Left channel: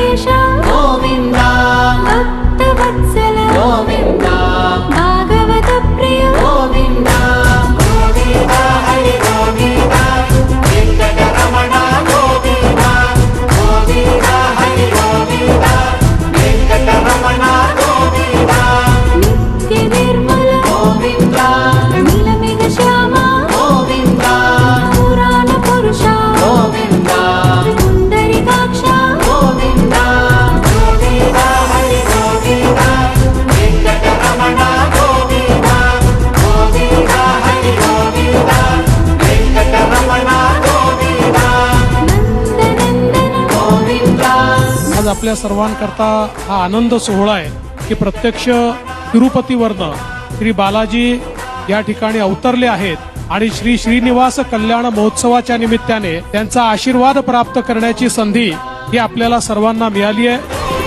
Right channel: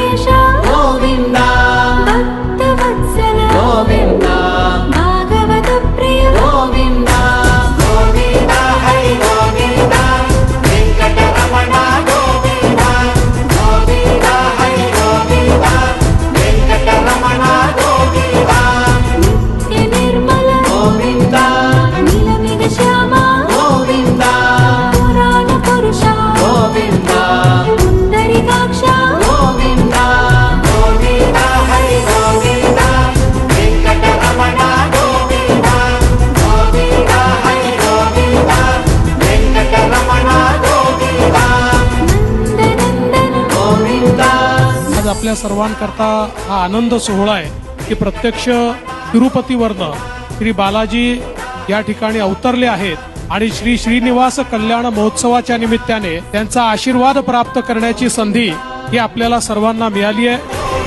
দিশা श्री श्री महोत्सवाच्या निमित्ताने त्यांचा आशीर्वाद प्राप्त करण्याची संधी ही आपल्याला सर्वांना मिळाली आहे.